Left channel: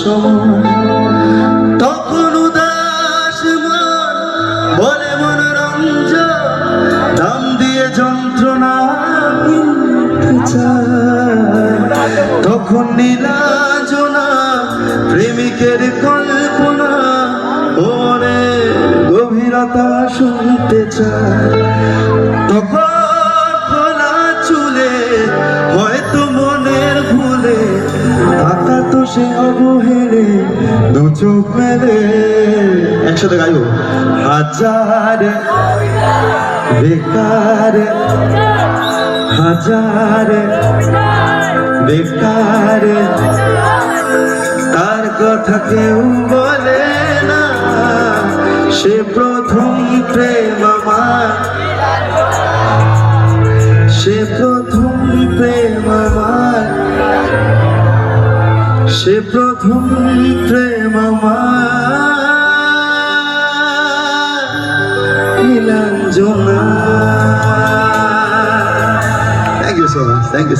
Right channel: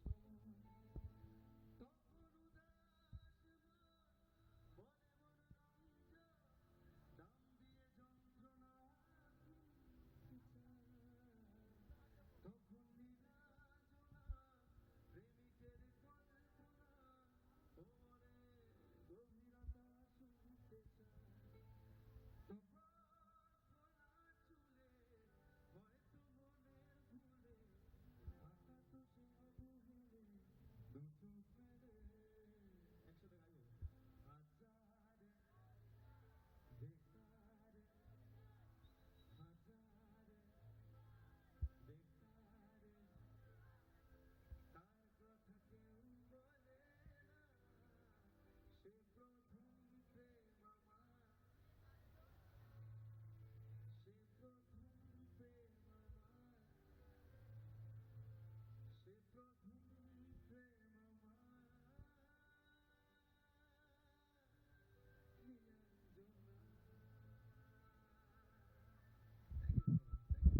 সময় তখন উদাস মন বলে মনোরঞ্জন দাম দিয়ে যন্ত্রণা কিনতে চায় তখন নীলাজনা প্রেমিকের কল্পনা ওরে গভীরতা শুনতে চায় তখন খোলা চুলে হয়তো মনের ভুলে আঁকা তো সে অবহেলে দু চোখ মেলে একসাথে গাইব হাজার বেকার হাজার বেকার তার কথা কেউ বলে না সে প্রথম প্রেম আমার সে প্রথম প্রেম আমার সে প্রথম প্রেম আমার Nilanjana. Thank you so much. Thank you.